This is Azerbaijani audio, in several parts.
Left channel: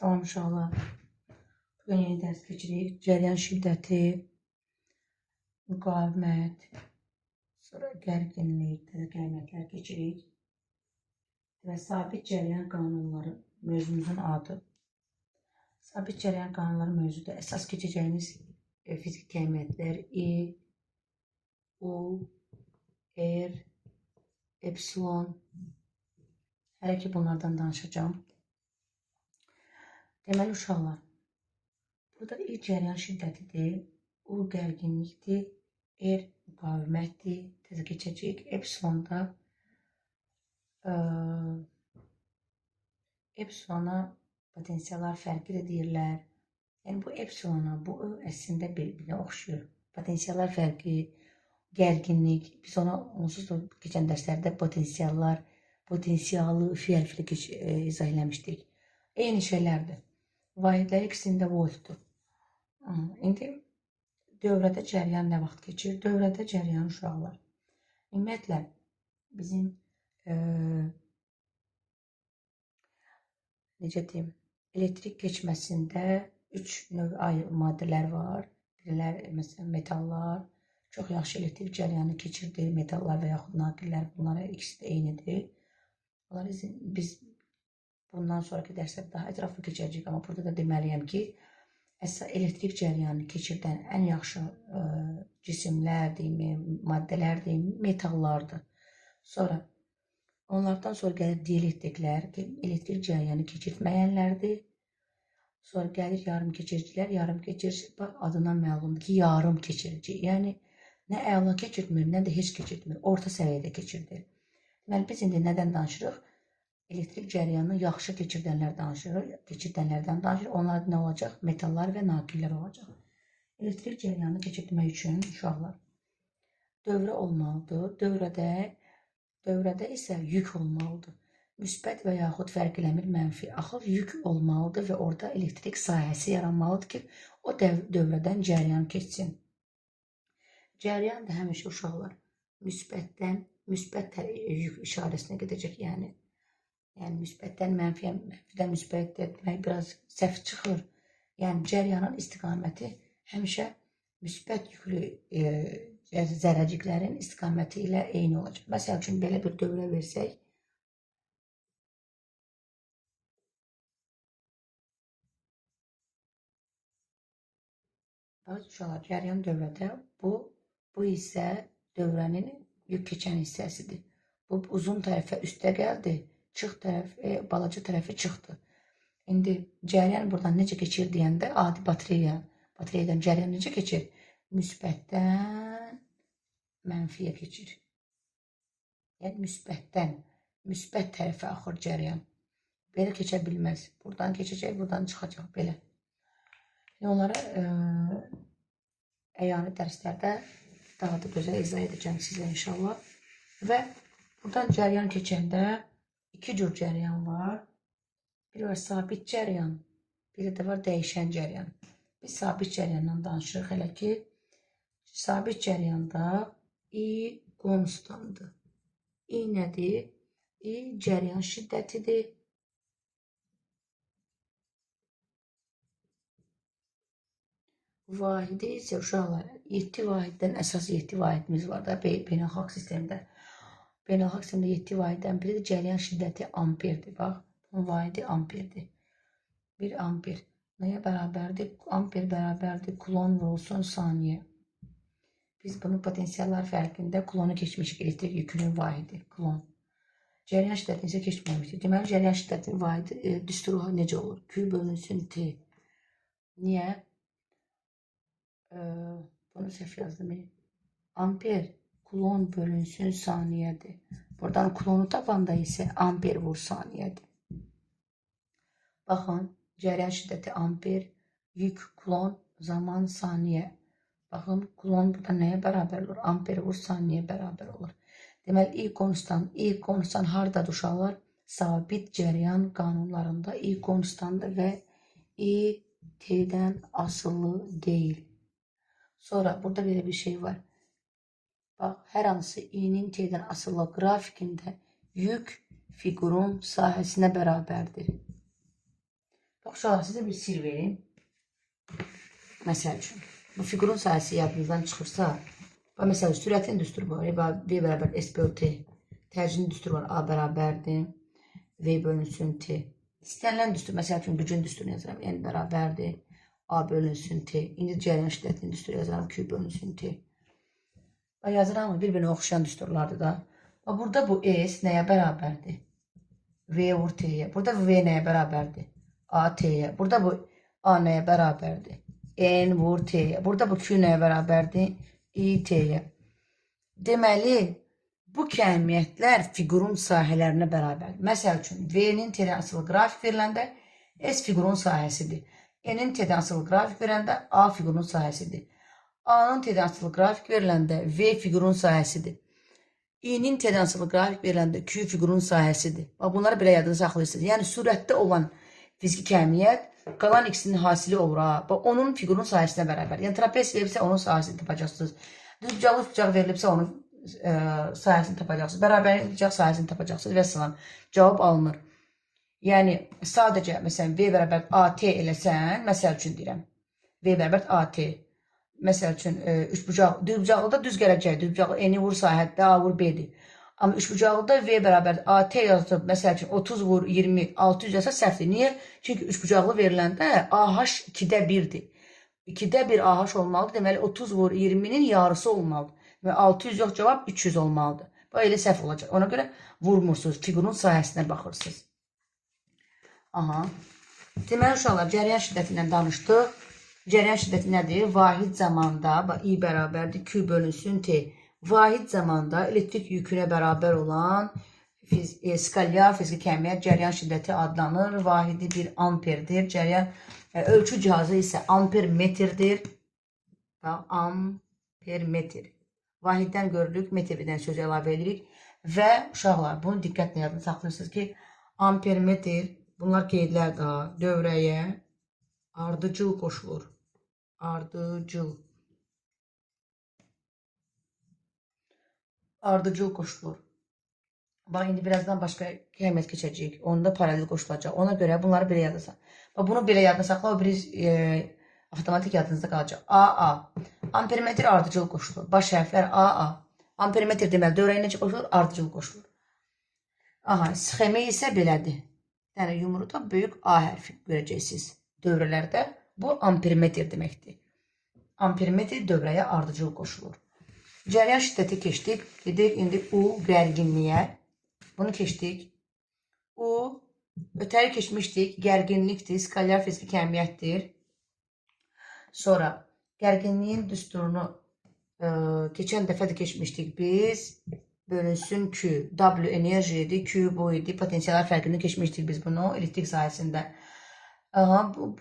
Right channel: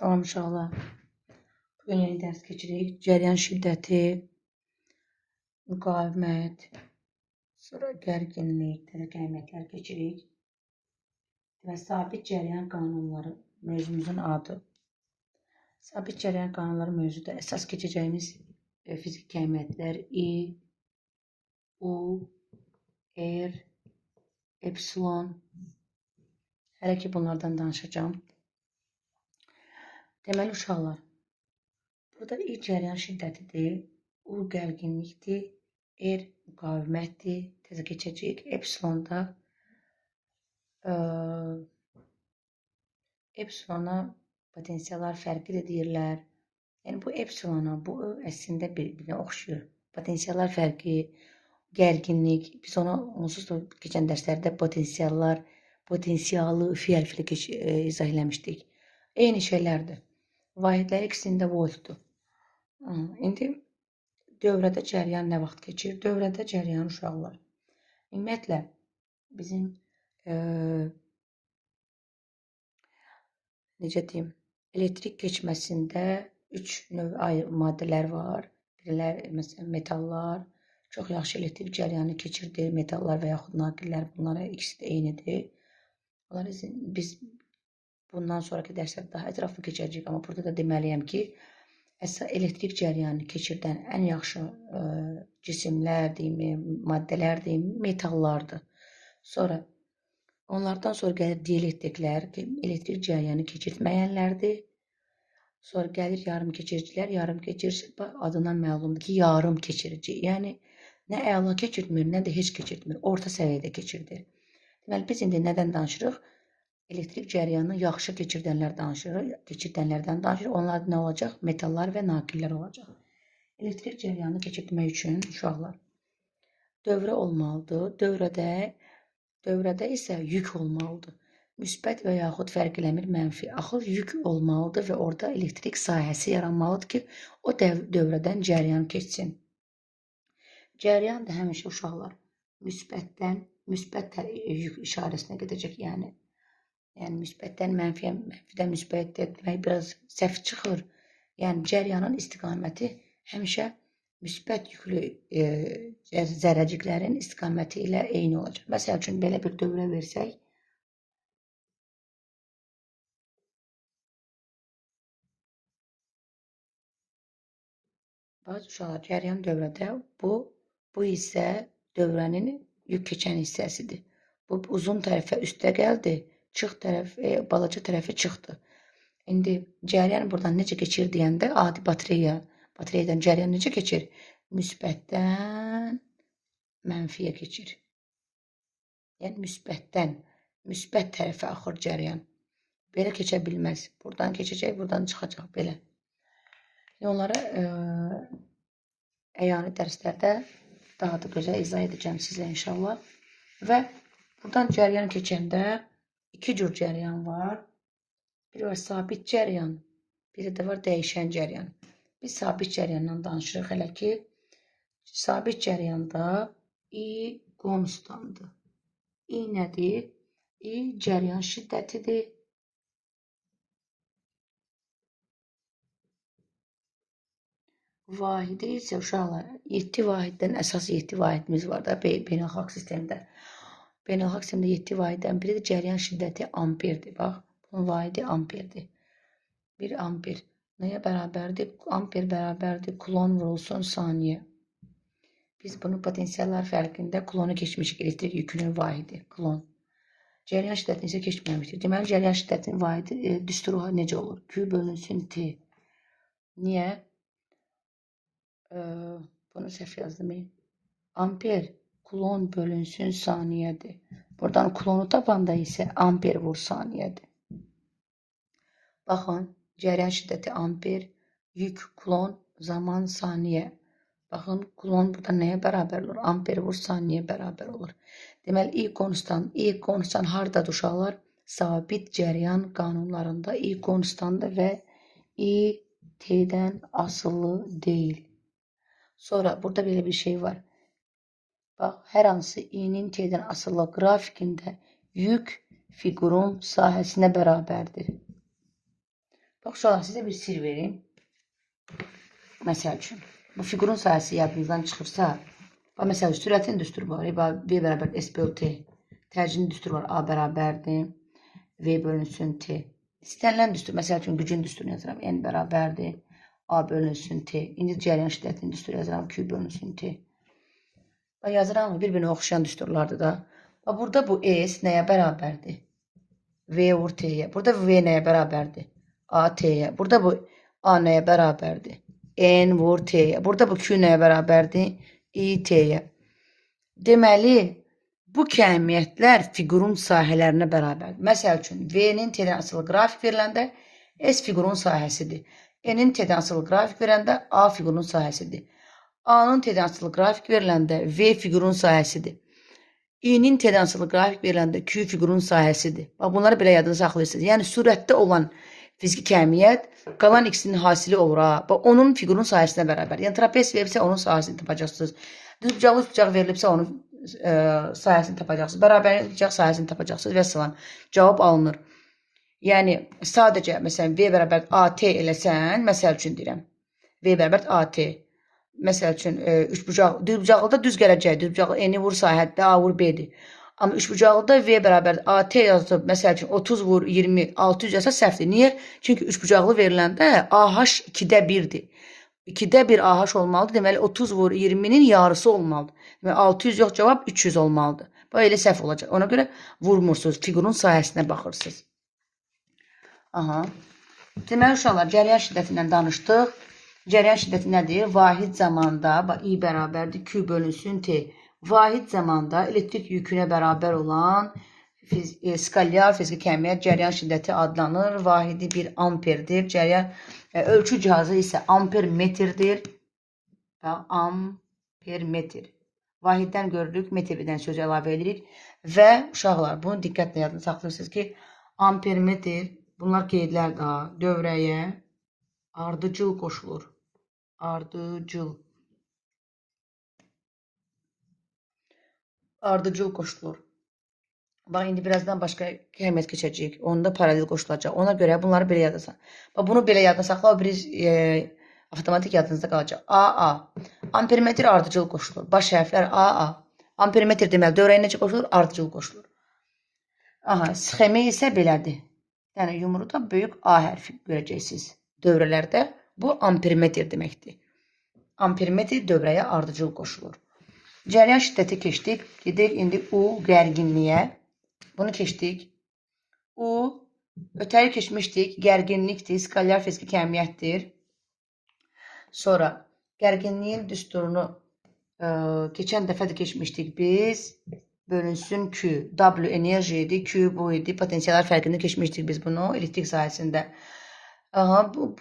Salam uşaqlar. Bugün yeni dərs keçirik. Cəryan şiddəti, müqavimət, sonra gərginlik, təzyiqləməklər keçirik. Və sabit cəryan qanunları mövzumuzun adı. Sabit cəryan qanunları mövzuda əsas keçəcəyimiz fiziki kəmiyyətlər I, U, R, epsilon. Hələ ki bunlardan danışacağım. Deməli uşaqlar, burada I cəryan şiddətidir, U gərginlikdir, R müqavimətdir, tezə keçəcəyik. Epsilonda epsilona potensiallar fərqi də deyirlər. Yəni bu epsilona, bu əslində bir-birinə oxşuyur. Potensiallar fərqi, gərginlik, biz ona onsuz da keçən dərslərdə potensialı fi hərfli izah eləmişdik. Eyni şeylərdir. Vahidlər ikisində voltdur. İndi dövrədə cəryan nə vaxt keçir? Dövrədə cəryan uşaqlar. Ümumiyyətlə, bizim necə deyim, elektrik keçməsində 3 növ maddələr var. Birilər, məsələn, metallar, çox yaxşı elektrik cəryanı keçirdir. Metallar və yaxud naqillər, bunlara ikisi də eynidir. Biz bundan sonraki dərslərdə daha ətraflı keçəcəyik, amma burada da deməliyəm ki, elektrik cəryanı keçirdən ən yaxşı cisimlər, maddələr, metallardır. Sonra, onlardan sonra gəlir dielektriklər, elektrik cəryanı keçirtməyənlərdir. Sonra gəlir yarım keçiricilər, yarım keçirici, adından məlumdur ki, yarım keçirici. Yəni, nə əla keçirtmir, nə də heç keçirtmir, orta səviyyədə keçirdir. Deməli, biz indi nədən danışırıq? Elektrik cəryanını yaxşı keçirdənlərdən danışırıq. Onlar nə olacaq? Metallar və naqillər olacaq. Elektrik cəryanını keçirtmək üçün uşaqlar dövrə olmalıdır. Dövrədə isə yük olmalıdır. Müsbət və yaxud fərq eləmir mənfi. Axır yük olmalıdır və orada elektrik sahəsi yaranmalıdır ki, o dövrədən cəryan keçsin. Cəryan da həmişə uşaqlar müsbət yük işarəsinə gedəcək, yəni müsbətdən mənfiyə, mənfidən müsbət etmək biraz səhv çıxır. Yəni, cəryanın istiqaməti həmişə müsbət yüklü zərrəciklərin istiqaməti ilə eyni olacaq. Məsəl üçün, belə bir dövrə versək, bazı uşaqlar cəryan dövrədə bu hissə dövrənin yük keçən hissəsidir. Bu uzun tərəfə üstə gəldi. Çıx tərəf, balaca tərəfi çıxdı. İndi cəryan buradan necə keçir deyəndə adi batareyadan cəryan necə keçir? Müsbətdən mənfiyə keçir. Yəni, müsbət tərəfə axır cəryan. Belə keçə bilməz. Buradan keçəcək, buradan çıxacaq, belə. Onlara əyani dərslərdə daha da gözəl izah edəcəm sizə inşallah. Və buradan cəryan keçəndə İki cür cəryan var. Biri var sabit cəryan, biri də var dəyişən cəryan. Biz sabit cəryandan danışırıq hələ ki. Sabit cəryanda I konstandır. I nədir? I cəryan şiddətidir. Vahidi isə uşaqlar, 7 vahiddən əsas 7 vahidimiz var da beynəlxalq sistemdə. Beynəlxalq sistemdə 7 vahiddən biri də cəryan şiddəti amperdir. Bax, bunun vahidi amperdir. 1 amper nəyə bərabərdir? Amper bərabərdir kulon vurulsun saniyə. Biz bunu potensiallar fərqində kulonu keçmişik. Elektrik yükünün vahidi, kulon. Cəryan şiddətini isə keçməmişdir. Deməli, cəryan şiddətinin vahidi düsturu necə olur? Q bölünsün T. Niyə? Bunu səhv yazdım. Amper kulon bölünsün saniyədir. Buradan kulonu tapanda isə amper vur saniyədir. Baxın, cəryan şiddəti amper, yük kulon, zaman saniyə. Baxın, kulon burada nəyə bərabər olur? Amper vur saniyə bərabər olur. Deməli, I konstant hardadır uşaqlar? Sabit cəryan qanunlarında I konstandır və I T'dən asılı deyil. Sonra burada belə bir şey var. Bax, hər hansı I-nin T'dən asılı qrafikində yük fiqurun sahəsinə bərabərdir. Uşaqlar, sizə bir sir verim. Məsəl üçün, bu fiqurun sahəsi yadınızdan çıxırsa, məsəl üçün, sürətin düsturu var. V bərabər SPOT. Tərcinin düsturu var. A bərabərdir. V bölünsün T. İstənilən düstur, məsəl üçün, gücün düsturunu yazıram. N bərabərdir. A bölünsün T. İndi cəryan şiddətinin düsturu yazıram. Q bölünsün T. Yazıram mı? Bir-birinə oxşayan düsturlardır da. Burada bu S nəyə bərabərdir? V vur T'yə. Burada V nəyə bərabərdir? A T'yə. Burada bu A nəyə bərabərdir? N vur T'yə. Burada bu Q nəyə bərabərdir? I T'yə. Deməli, bu kəmiyyətlər fiqurun sahələrinə bərabərdir. Məsəl üçün, V-nin T'dən asılı qrafik veriləndə S fiqurun sahəsidir. N-in T'dən asılı qrafik verəndə A fiqurun sahəsidir. A-nın T'dən asılı qrafik veriləndə V fiqurun sahəsidir. I-nin T'dən asılı qrafik veriləndə Q fiqurun sahəsidir. Bunları belə yadını saxlayırsınız. Yəni, surətdə olan fiziki kəmiyyət qalan X-nin hasili olur. Onun fiqurun sahəsinə bərabər. Yəni, trapez verilibsə, onun sahəsini tapacaqsınız. Düzbucaqlı üçbucaq verilibsə, onun sahəsini tapacaqsınız. Bərabərlik üçbucaq sahəsini tapacaqsınız və s. Cavab alınır. Yəni, sadəcə, məsələn, V bərabər AT eləsən, məsəl üçün deyirəm, V bərabər AT. Məsəl üçün, düzbucaqlıda düz gələcək, düzbucaqlı N-i vur sahətdə, A vur B-dir. Amma üçbucaqlıda V bərabər AT yazıb, məsəl üçün 30 vur 20, 600 yazsa səhvdir. Niyə? Çünki üçbucaqlı veriləndə AH 2-də 1-dir. 2-də 1 AH olmalıdır. Deməli, 30 vur 20-nin yarısı olmalıdır. Deməli, 600 yox, cavab 300 olmalıdır. Bu, elə səhv olacaq. Ona görə vurmursunuz, fiqurun sahəsinə baxırsınız. Deməli, uşaqlar, cəryan şiddətindən danışdıq. Cəryan şiddəti nədir? Vahid zamanda, I bərabərdir, Q bölünsün T. Vahid zamanda elektrik yükünə bərabər olan skalyar fiziki kəmiyyət cəryan şiddəti adlanır. Vahidi 1 amperdir. Cəryan ölçü cihazı isə ampermetrdir. Ampermetr. Vahiddən görürük, metrdən sözü əlavə edirik. Və uşaqlar, bunu diqqətlə yadını saxlayırsınız ki, ampermetr, bunlar qeydlər daha dövrəyə ardıcıl qoşulur. Ardıcıl qoşulur. Bax, indi birazdan başqa kəmiyyət keçəcəyik. Onda paralel qoşulacaq. Ona görə bunları belə yadda saxla. Bunu belə yadda saxla, o biri avtomatik yadınızda qalacaq. AA. Ampermetr ardıcıl qoşulur. Baş hərflər AA. Ampermetr deməli, dövrəyə necə qoşulur? Ardıcıl qoşulur. Sxemi isə belədir. Yəni, yumruda böyük A hərfi görəcəksiniz. Dövrələrdə bu ampermetr deməkdir. Ampermetr dövrəyə ardıcıl qoşulur. Cəryan şiddəti keçdik. Gedik indi U gərginliyə. Bunu keçdik. U ötəri keçmişdik. Gərginlikdir. Skalyar fiziki kəmiyyətdir. Sonra gərginliyin düsturunu keçən dəfə də keçmişdik biz. Bölünsün Q. W enerji idi. Q bu idi. Potensiallar fərqini keçmişdik biz bunu elektrik sahəsində.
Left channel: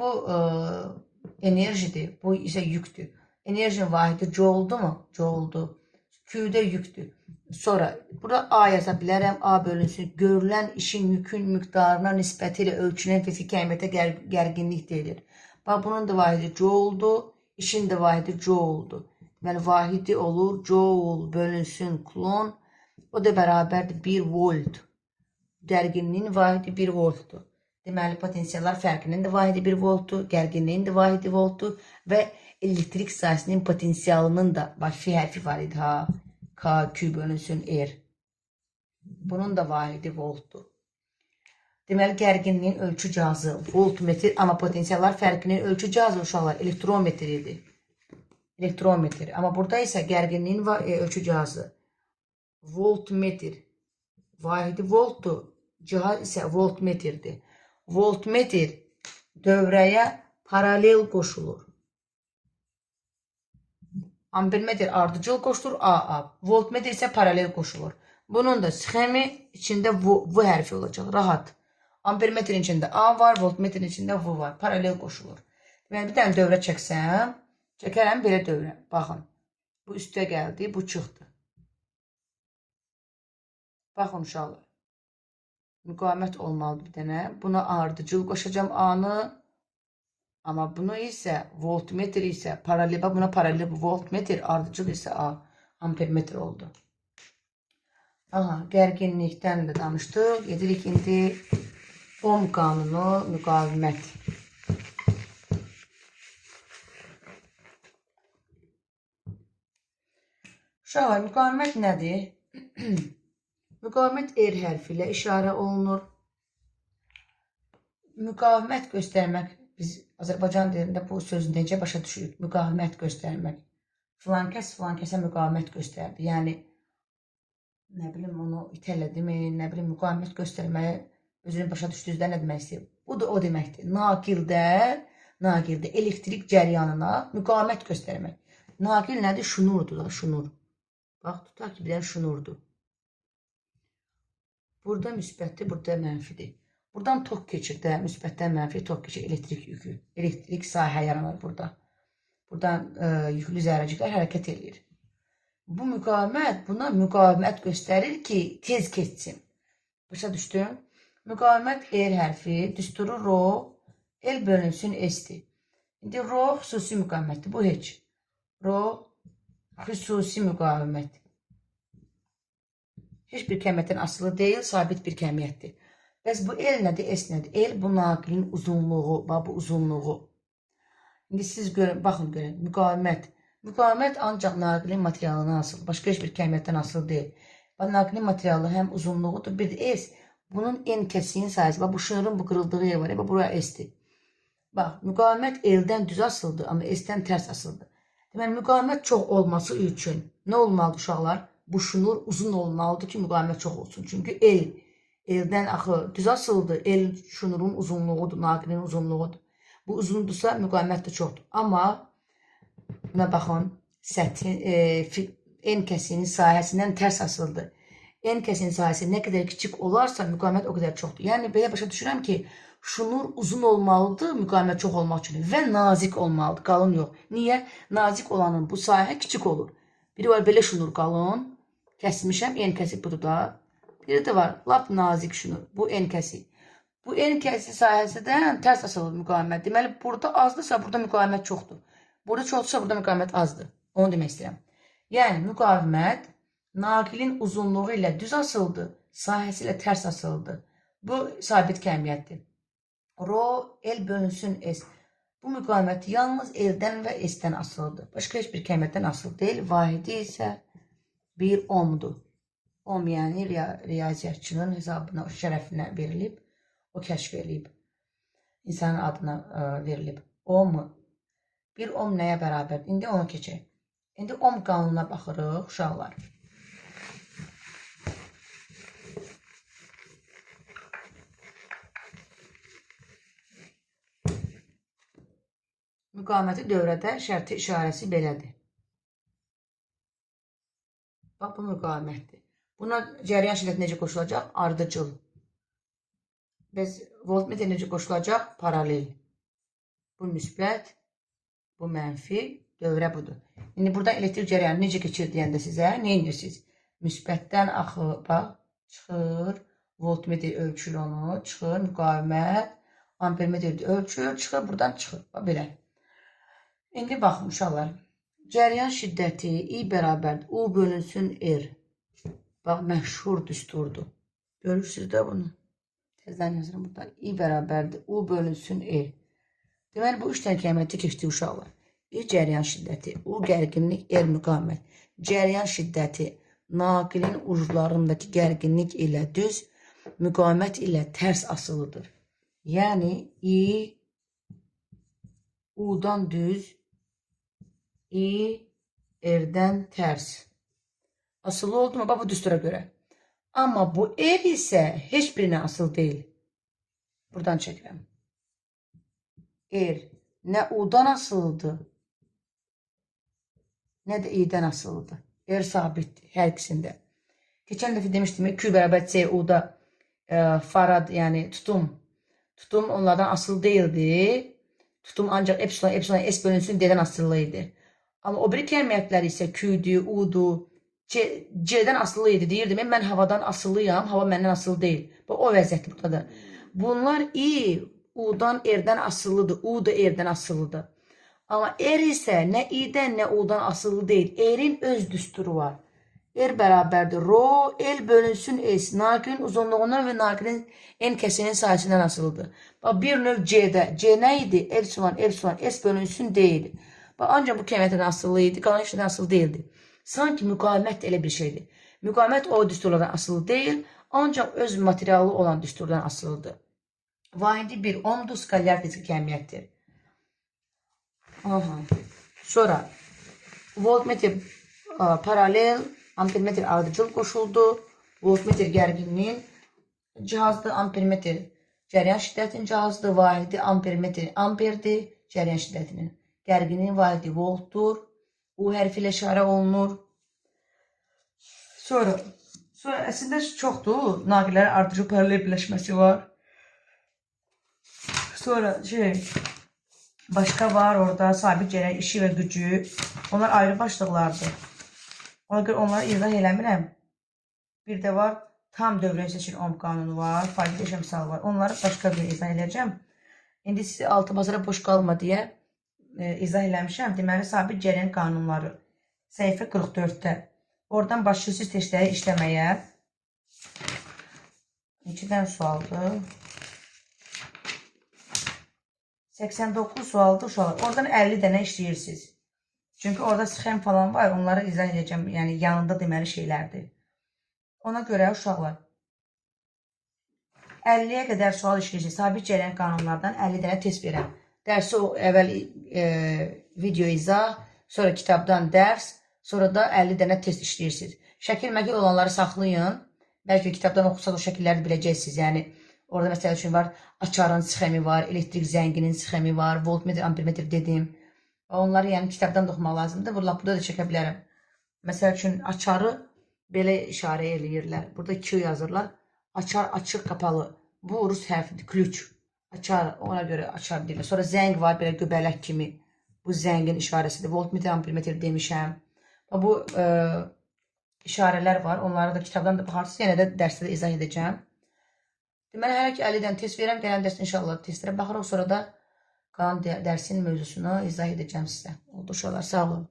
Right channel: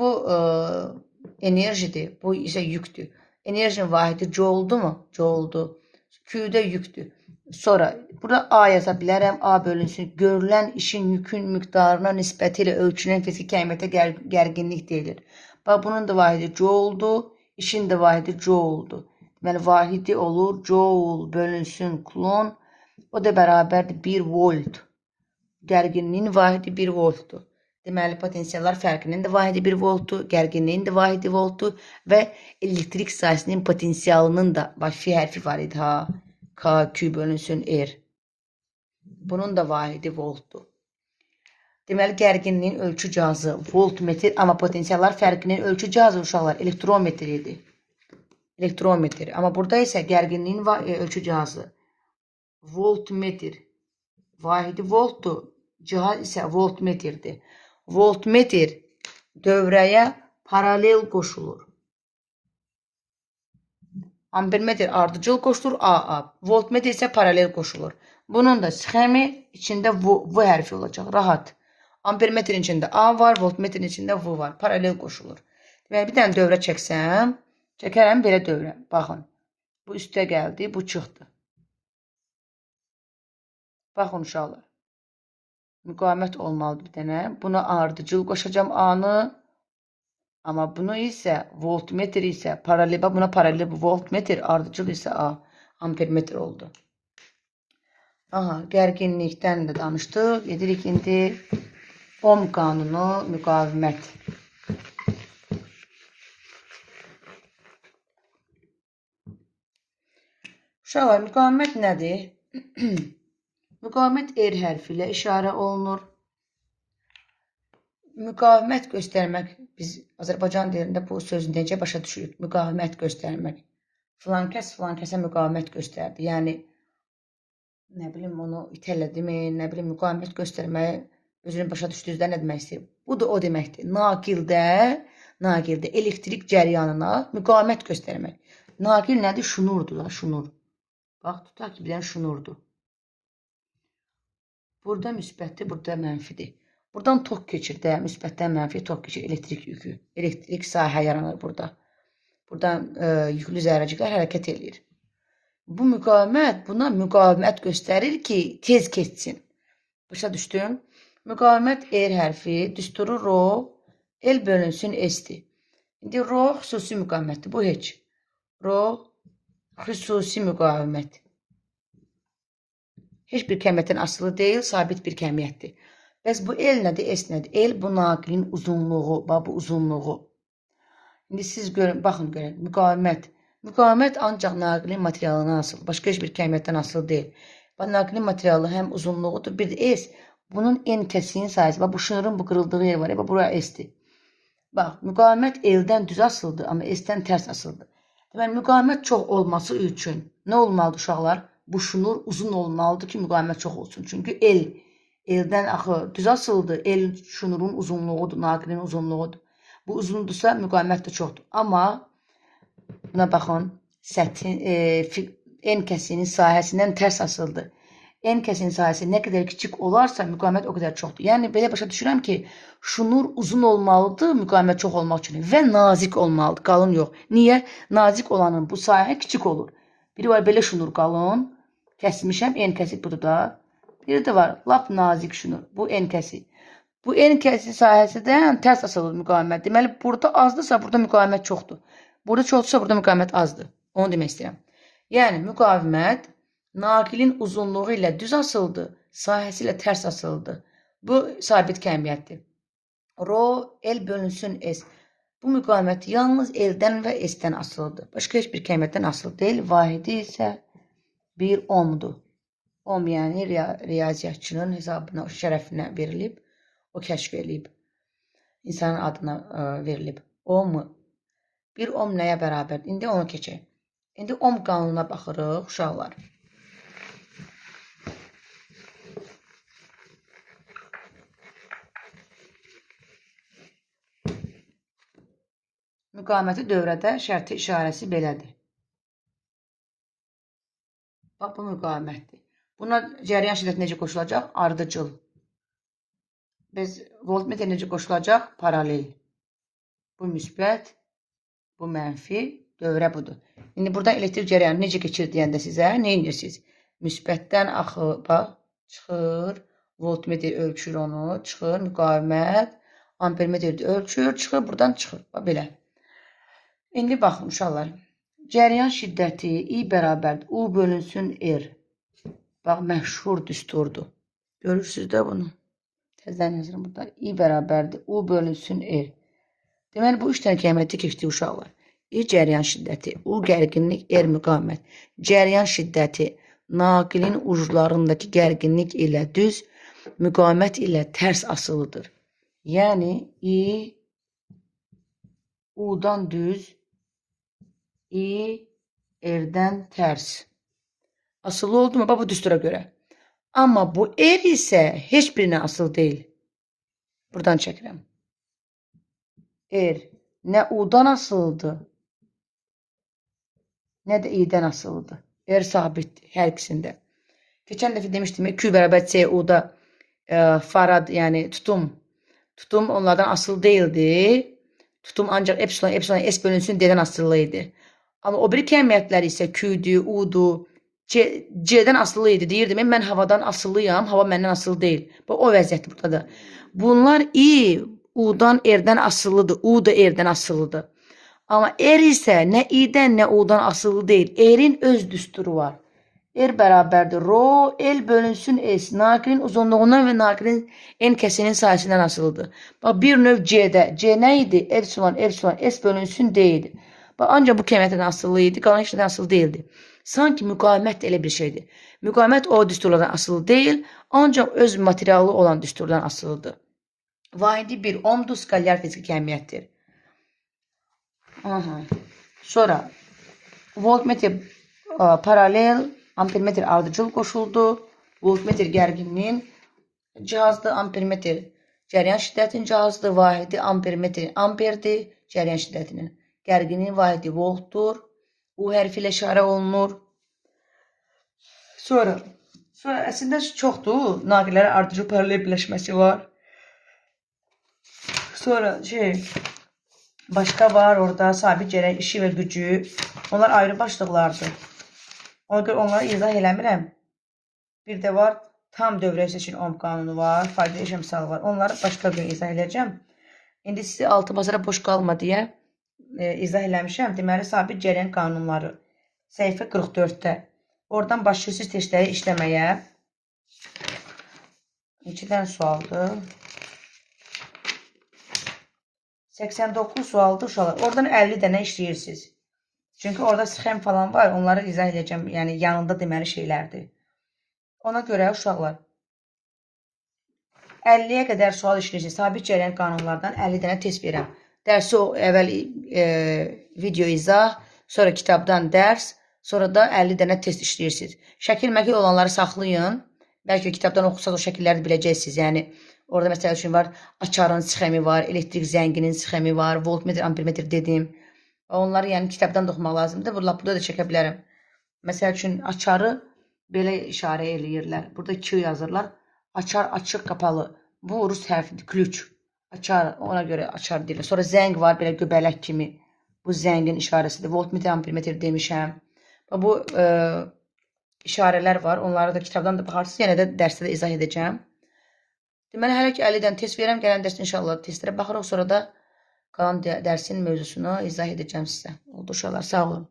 Bu enerjidir. Bu isə yükdür. Enerjinin vahidi jouldur mu? Jouldur. Q-də yükdür. Sonra, burada A yaza bilərəm. A bölünsün. Görülən işin yükün miqdarına nisbəti ilə ölçülən fiziki kəmiyyətə gərginlik deyilir. Bax, bunun da vahidi jouldur. İşin də vahidi jouldur. Deməli, vahidi olur. Joule bölünsün klon. O da bərabərdir 1 volt. Gərginliyin vahidi 1 voltdur. Deməli, potensiallar fərqinin də vahidi 1 voltdur, gərginliyin də vahidi voltdur və elektrik sahəsinin potensialının da, bax, fi hərfi var idi, K, Q bölünsün R. Bunun da vahidi voltdur. Deməli, gərginliyin ölçü cihazı voltmetr, amma potensiallar fərqinin ölçü cihazı uşaqlar elektrometr idi. Elektrometr. Amma burada isə gərginliyin ölçü cihazı voltmetr. Vahidi voltdur, cihaz isə voltmetrdir. Voltmetr dövrəyə paralel qoşulur. Ampermetr ardıcıl qoşulur, AA. Voltmetr isə paralel qoşulur. Bunun da sxemi içində V hərfi olacaq, rahat. Ampermetrin içində A var, voltmetrin içində V var, paralel qoşulur. Deməli, bir dənə dövrə çəksəm, çəkərəm belə dövrə. Baxın, bu üstə gəldi, bu çıxdı. Baxın, uşaqlar. Müqavimət olmalıdır bir dənə. Buna ardıcıl qoşacam A-nı. Amma bunu isə voltmetr isə paralel. Buna paralel voltmetr, ardıcıl isə A. Ampermetr oldu. Gərginlikdən də danışdıq. Gedirik indi Ohm qanunu müqavimət. Uşaqlar, müqavimət nədir? Müqavimət er hərfi ilə işarə olunur. Müqavimət göstərmək, biz Azərbaycan dilində bu sözü necə başa düşürük? Müqavimət göstərmək. Filan kəsə müqavimət göstərdi. Yəni, nə bilim, onu itələdimi, nə bilim, müqavimət göstərməyə özünü başa düşdüyünüzdə nə demək istəyir? Bu da o deməkdir. Naqildə elektrik cəryanına müqavimət göstərmək. Naqil nədir? Şunurdur da, şunur. Bax, tutaq ki, bir dənə şunurdur. Burada müsbətdir, burada mənfidir. Buradan tok keçir də, müsbətdən mənfi tok keçir, elektrik yükü. Elektrik sahə yaranır burada. Buradan yüklü zərrəciklər hərəkət edir. Bu müqavimət, buna müqavimət göstərir ki, tez keçsin. Başa düşdüm? Müqavimət er hərfi, düsturu ro, el bölünsün esdir. İndi ro xüsusi müqavimətdir, bu heç. Ro xüsusi müqavimət. Heç bir kəmiyyətdən asılı deyil, sabit bir kəmiyyətdir. Bəs bu el nədir, es nədir? El bu naqilin uzunluğu, bu uzunluğu. İndi siz görün, baxın görün, müqavimət. Müqavimət ancaq naqilin materialından asılı, başqa heç bir kəmiyyətdən asılı deyil. Naqilin materialı həm uzunluğudur, bir də es. Bunun en kəsiyin sayısı, bu şınırın bu qırıldığı yer var, buraya esdir. Bax, müqavimət eldən düz asılıdır, amma esdən tərs asılıdır. Deməli, müqavimət çox olması üçün nə olmalıdır uşaqlar? Bu şunur uzun olmalıdır ki, müqavimət çox olsun. Çünki eldən axı düz asılıdır, el şunurun uzunluğudur, naqilin uzunluğudur. Bu uzundursa müqavimət də çoxdur. Amma buna baxın, en kəsinin sahəsindən tərs asılıdır. En kəsinin sahəsi nə qədər kiçik olarsa müqavimət o qədər çoxdur. Yəni, belə başa düşürəm ki, şunur uzun olmalıdır müqavimət çox olmaq üçün və nazik olmalıdır, qalın yox. Niyə? Nazik olanın bu sahə kiçik olur. Biri var belə şunur qalın, kəsmişəm, en kəsi budur da. Biri də var, lap nazik şunur, bu en kəsi. Bu en kəsi sahəsindən tərs asılır müqavimət. Deməli, burada azdırsa, burada müqavimət çoxdur. Burada çoxdursa, burada müqavimət azdır. Onu demək istəyirəm. Yəni, müqavimət naqilin uzunluğu ilə düz asıldı, sahəsi ilə tərs asıldı. Bu sabit kəmiyyətdir. Ro, el bölünsün es. Bu müqavimət yalnız eldən və esdən asılıdır. Başqa heç bir kəmiyyətdən asılı deyil. Vahidi isə bir ohmdur. Ohm, yəni riyaziyyatçının hesabına, şərəfinə verilib, o kəşf edilib. İnsanın adına verilib. Ohm, bir ohm nəyə bərabərdir? İndi onu keçək. İndi ohm qanununa baxırıq, uşaqlar. Müqaviməti dövrədə şərti işarəsi belədir. Bax, bu müqavimətdir. Buna cəryan şiddəti necə qoşulacaq? Ardıcıl. Biz voltmetr necə qoşulacaq? Paralel. Bu müsbət, bu mənfi, dövrə budur. İndi buradan elektrik cəryanı necə keçir deyəndə sizə, nə edirsiniz? Müsbətdən axı, bax, çıxır, voltmetr ölçür onu, çıxır, müqavimət, ampermetr ölçür, çıxır, buradan çıxır. Bax, belə. İndi baxın, uşaqlar. Cəryan şiddəti I bərabərdir. U bölünsün R. Bax, məşhur düsturdur. Görürsünüz də bunu. Təzdən yazırım burada. I bərabərdir. U bölünsün R. Deməli, bu 3 dənə kəmiyyəti keçdi uşaqlar. I cəryan şiddəti, U gərginlik, R müqavimət. Cəryan şiddəti naqilin uclarındakı gərginlik ilə düz, müqavimət ilə tərs asılıdır. Yəni, I U-dan düz, I R-dən tərs. Asılı oldu mu? Bax, bu düstura görə. Amma bu R isə heç birinə asılı deyil. Buradan çəkirəm. R nə U-dan asılıdır, nə də I-dən asılıdır. R sabitdir hər ikisində. Keçən dəfə demişdim, Q bərabər C, U-da farad, yəni tutum onlardan asılı deyildi. Tutum ancaq epsilon S bölünsün D-dən asılı idi. Amma o biri kəmiyyətlər isə Q-dür, U-dur, C-dən asılı idi. Deyirdim, mən havadan asılıyam, hava məndən asılı deyil. Bu, o vəziyyətdir burada da. Bunlar I, U-dan R-dən asılıdır, U da R-dən asılıdır. Amma R isə nə I-dən, nə U-dan asılı deyil. R-in öz düsturu var. R bərabərdir. Rho, L bölünsün S. Naqilin uzunluğundan və naqilin en kəsinin sayəsindən asılıdır. Bax, bir növ C-də. C nə idi? Epsilon, S bölünsün D idi. Bax, ancaq bu kəmiyyətdən asılı idi, qalan işlərdən asılı deyildi. Sanki müqavimət də elə bir şeydir. Müqavimət o düsturlardan asılı deyil, ancaq öz materialı olan düsturdan asılıdır. Vahidi 1 ohmdur, skalyar fiziki əhəmiyyətdir. Sonra voltmetr paralel, ampermetr ardıcıl qoşuldu. Voltmetr gərginliyin cihazdır, ampermetr cəryan şiddətinin cihazdır, vahidi ampermetr amperdir, cəryan şiddətinin. Gərginliyin vahidi voltdur. U hərfi ilə işarə olunur. Sonra əslində çoxdur. Naqillərin ardıcıl paralel birləşməsi var. Sonra başqa var orada sabit cəryan işi və gücü. Onlar ayrı başlıqlardır. Ona görə onları izah eləmirəm. Bir də var tam dövrəsi üçün ohm qanunu var, faydalı eşə misalı var. Onları başqa bir izah edəcəm. İndi sizi altı basara boş qalma deyə izah eləmişəm. Deməli, sabit cəryan qanunları. Səhifə 44-də. Oradan başlayırsınız testləri işləməyə. Neçədən sualdır? 89 sualdır uşaqlar. Oradan 50 dənə işləyirsiniz. Çünki orada sxem falan var. Onları izah edəcəm. Yəni yanında deməli şeylərdir. Ona görə uşaqlar 50-yə qədər sual işləyirsiniz. Sabit cəryan qanunlardan 50 dənə test verirəm. Dərsi əvvəl video izah, sonra kitabdan dərs, sonra da 50 dənə test işləyirsiniz. Şəkil-məkil olanları saxlayın. Bəlkə kitabdan oxursaq o şəkilləri biləcəksiniz. Yəni orada məsələ üçün var, açarın sxemi var, elektrik zənginin sxemi var, voltmetr, ampermetr dedim. Onları yəni kitabdan da oxumaq lazımdır. Burada da çəkə bilərəm. Məsələ üçün açarı belə işarə eləyirlər. Burada Q yazırlar. Açar açıq qapalı. Bu rus hərfidir. Ключ. Açar. Ona görə açar deyirlər. Sonra zəng var belə göbələk kimi. Bu zəngin işarəsidir. Voltmetr, ampermetr demişəm. Bu işarələr var. Onları da kitabdan da baxarsınız. Yenə də dərsdə də izah edəcəm. Deməli, hələ ki 50-dən test verirəm. Gələn dərsdə inşallah testlərə baxırıq. Sonra da qalan dərsin mövzusunu izah edəcəm sizə. Oldu uşaqlar. Sağ olun.